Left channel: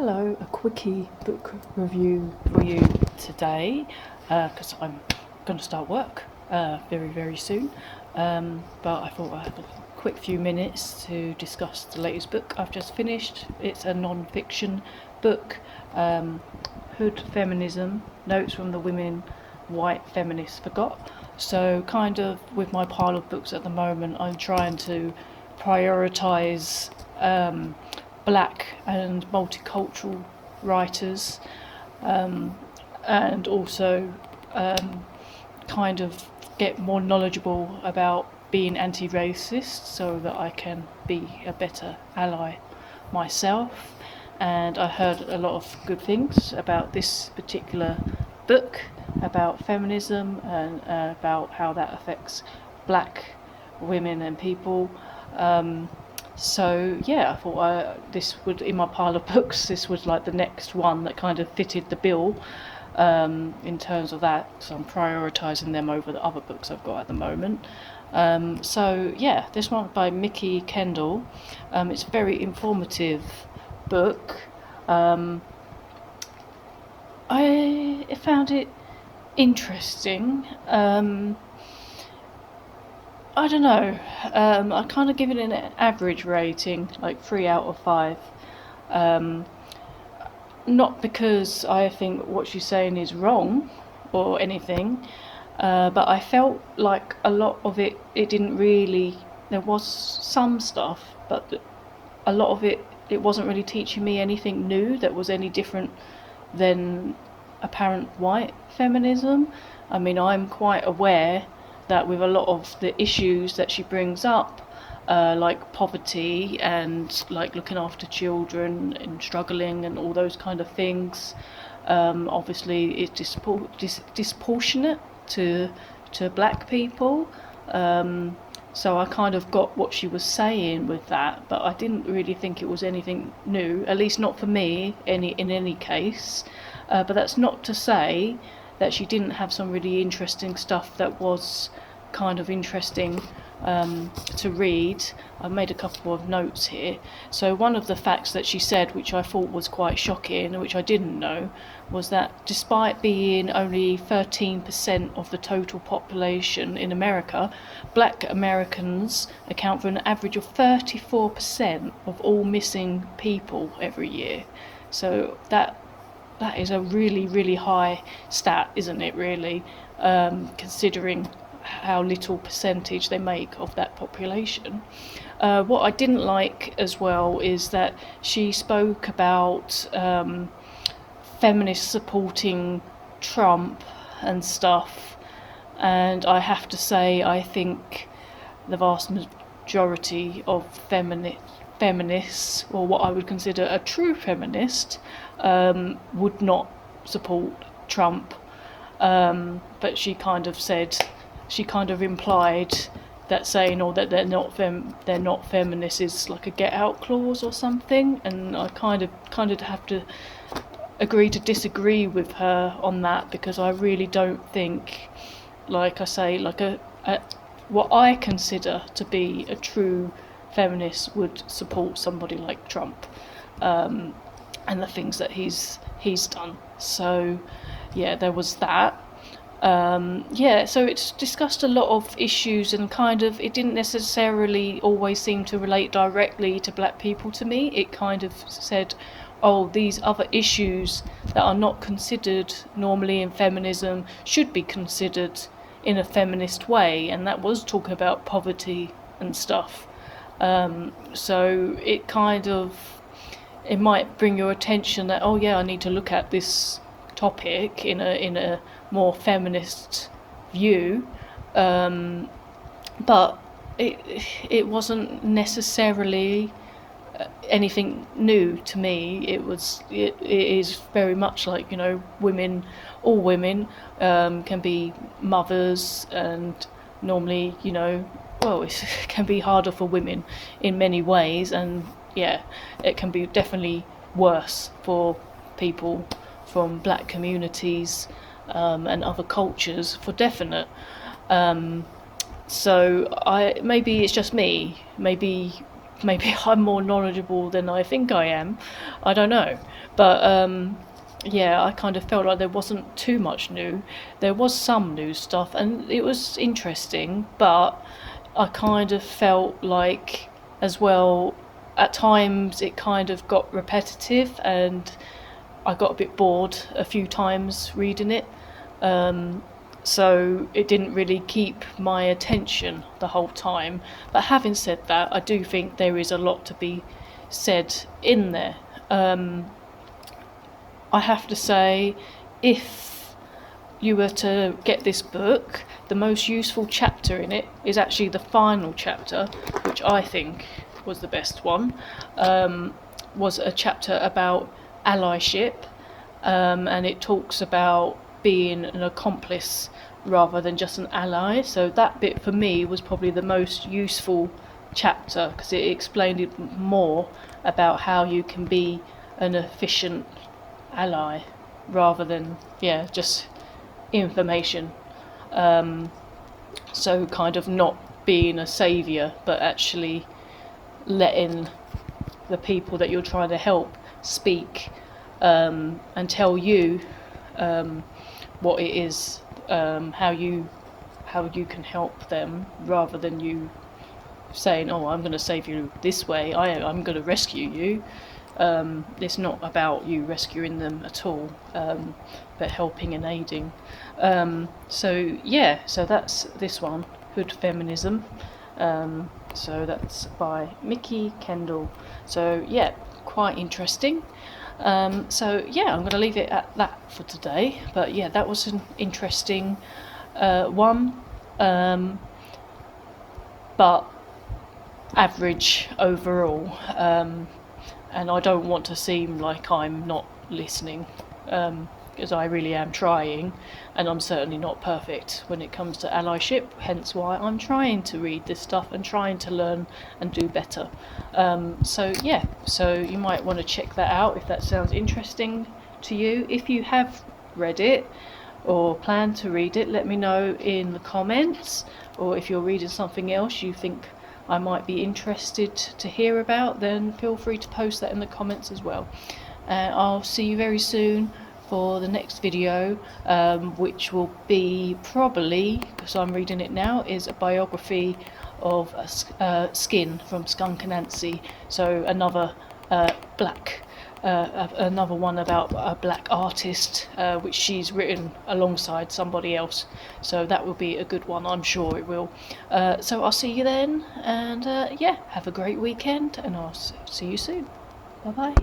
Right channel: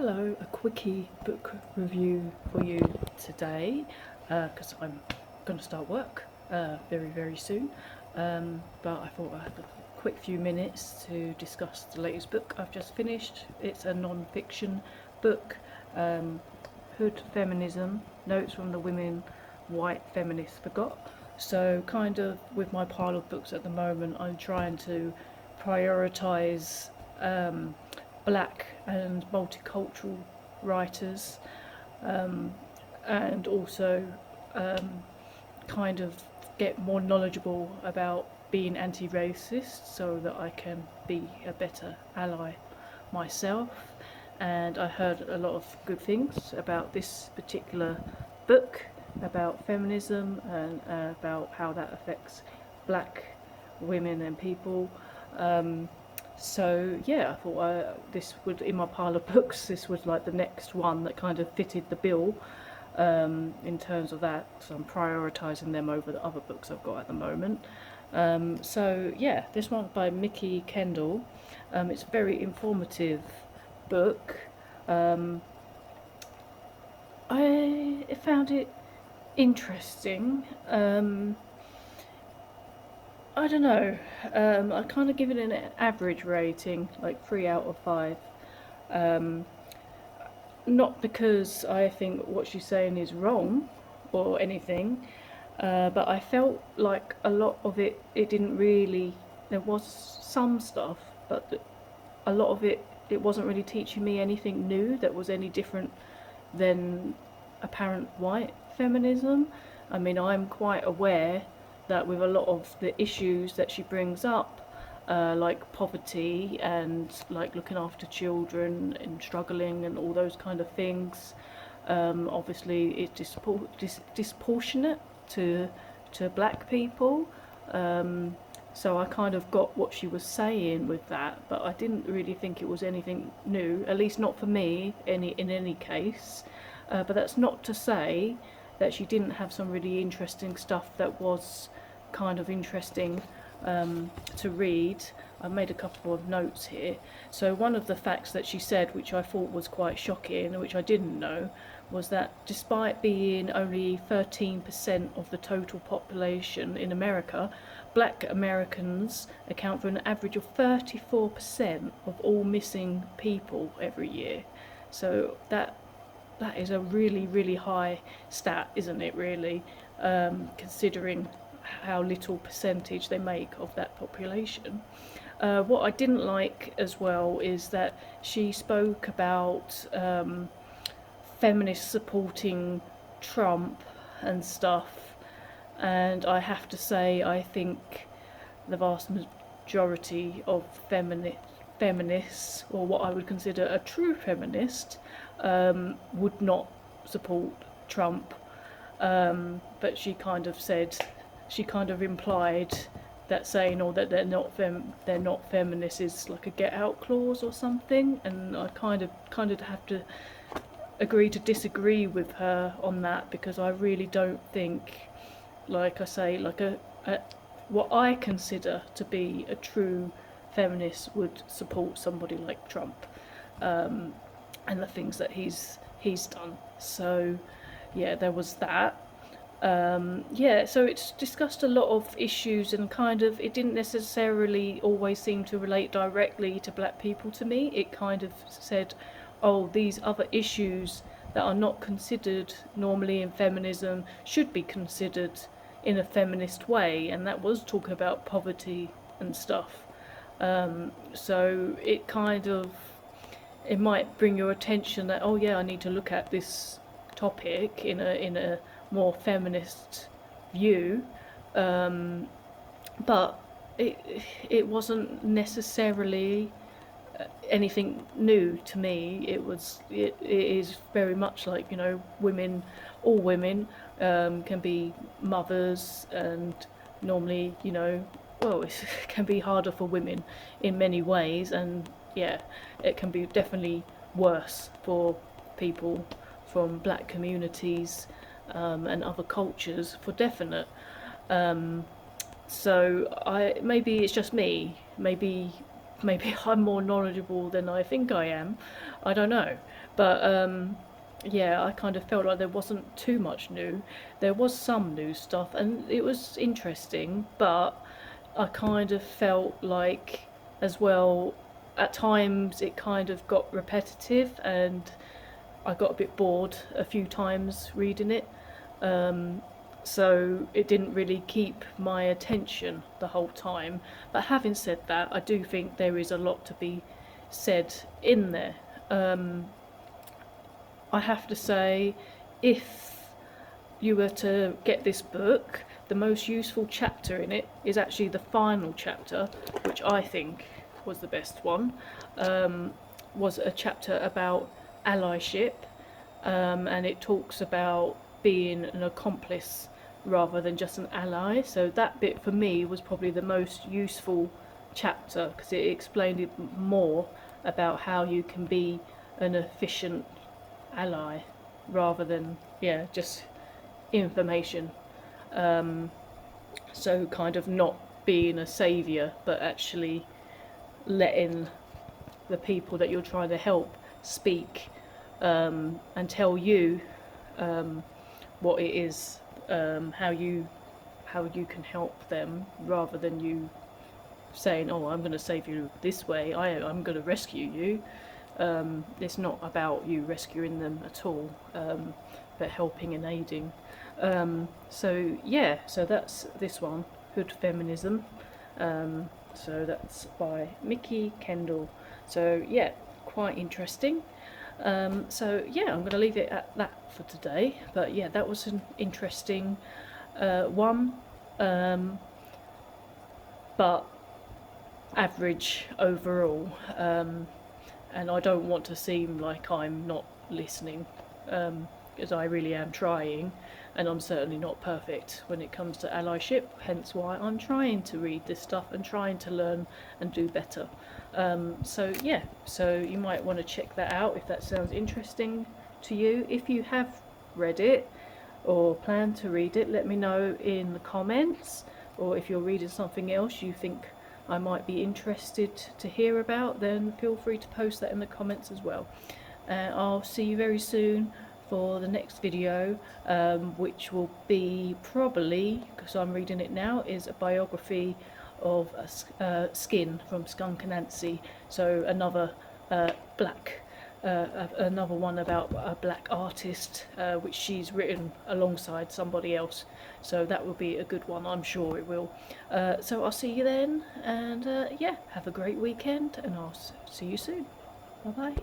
Hello, a quickie book review for you today because I'm going to start work very soon. But I thought I had a quick few minutes to discuss the latest book I've just finished. It's a non-fiction book, Hood Feminism, Notes from the Women White Feminists Forgot. So kind of with my pile of books at the moment, I'm trying to prioritise black and multicultural writers, and also kind of get more knowledgeable about being anti-racist so that I can be a better ally myself. And I heard a lot of good things about this particular book, about feminism and about how that affects black women and people. So yeah, I thought this would, in my pile of books, this was like the next one that kind of fitted the bill in terms of that. So I'm prioritising them over the other books I've got at the moment. So yeah, this one by Mickey Kendall. It's a very informative book. I found it interesting. I don't know. I kind of give it an average rating, like 3 out of 5. Um, Not because I think what she's saying is wrong or anything, but I felt like a lot of it didn't really. There was some stuff, but a lot of it wasn't really teaching me anything new that was any different than apparent white feminism. I mean, I'm quite aware that with a lot of the issues that she brings up, like poverty and like looking after children and struggling and all those kind of things, obviously it's disproportionate to black people. So I kind of got what she was saying with that, but I didn't really think it was anything new, at least not for me, in any case. But that's not to say that she didn't have some really interesting stuff that was kind of interesting to read. I've made a couple of notes here. So one of the facts that she said, which I thought was quite shocking and which I didn't know, was that despite being only 13% of the total population in America, black Americans account for an average of 34% of all missing people every year. So that is a really high stat, isn't it, really, considering how little percentage they make of that population. What I didn't like as well is that she spoke about feminists supporting Trump and stuff, and I have to say I think the vast majority of feminists, or what I would consider a true feminist, would not support Trump. But she kind of implied that saying, or that they're not feminists is like a get out clause or something, and I kind of have to agree to disagree with her on that, because I really don't think, like I say, like a what I consider to be a true feminist would support somebody like Trump, and the things that he's done. So yeah, there was that. So it's discussed a lot of issues, and kind of it didn't necessarily always seem to relate directly to black people to me. It kind of said, oh, these other issues that are not considered normally in feminism should be considered in a feminist way, and that was talking about poverty and stuff. So it might bring your attention that, oh yeah, I need to look at this topic in a more feminist view, but it wasn't necessarily anything new to me. It is very much like, all women can be mothers, and normally, well, it can be harder for women in many ways, and yeah, it can be definitely worse for people from black communities and other cultures, for definite. So maybe it's just me. Maybe maybe I'm more knowledgeable than I think I am. I don't know. But yeah, I kind of felt like there wasn't too much new. There was some new stuff, and it was interesting, but I kind of felt like, as well, at times it kind of got repetitive, and I got a bit bored a few times reading it. Um, so it didn't really keep my attention the whole time. But having said that, I do think there is a lot to be said in there. Um, I have to say, if you were to get this book, the most useful chapter in it is actually the final chapter, which I think was the best one. Was a chapter about allyship, and it talks about being an accomplice rather than just an ally. So that bit for me was probably the most useful chapter, because it explained it more about how you can be an efficient ally rather than, yeah, just information. Um, so kind of not being a saviour, but actually letting the people that you're trying to help speak, and tell you what it is, how you can help them, rather than you saying, "Oh, I'm going to save you this way. I'm going to rescue you." It's not about you rescuing them at all, but helping and aiding. So yeah, so that's this one, Hood Feminism. So that's by Mickey Kendall. So yeah, quite interesting. So yeah, I'm going to leave it at that for today. But yeah, that was an interesting one, but average overall. And I don't want to seem like I'm not listening, because I really am trying, and I'm certainly not perfect when it comes to allyship, hence why I'm trying to read this stuff and trying to learn and do better. So yeah, so you might want to check that out if that sounds interesting to you. If you have read it or plan to read it, let me know in the comments, or if you're reading something else you think I might be interested to hear about, then feel free to post that in the comments as well. I'll see you very soon for the next video, which will be probably, because I'm reading it now, is a biography of Skin from Skunk Anansi. So another black another one about a black artist, which she's written alongside somebody else. So that will be a good one, I'm sure it will. So I'll see you then, and yeah, have a great weekend, and I'll see you soon. Bye bye.